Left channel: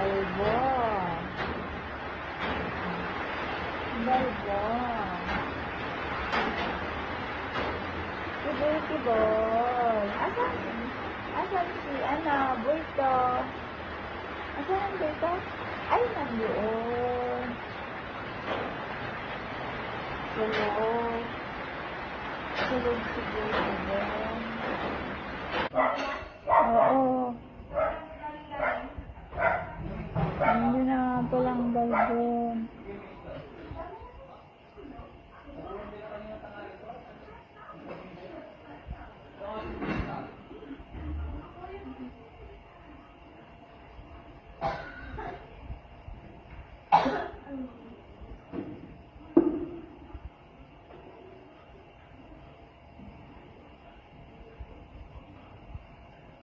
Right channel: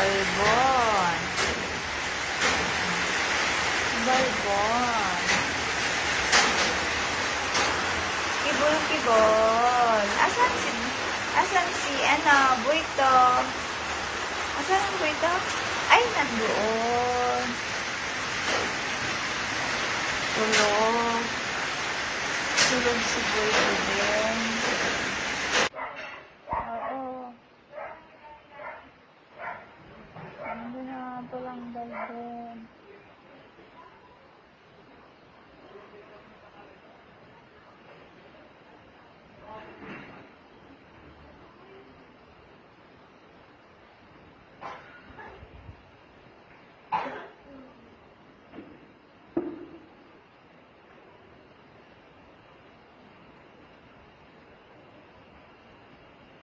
Balbon. Balbon. Kibol-kibol. Asan si, Buito? Asan ang Buito? Ay, nandoon. Tulog. Tulog si Buito din. Oo. Hindi na palang balbon.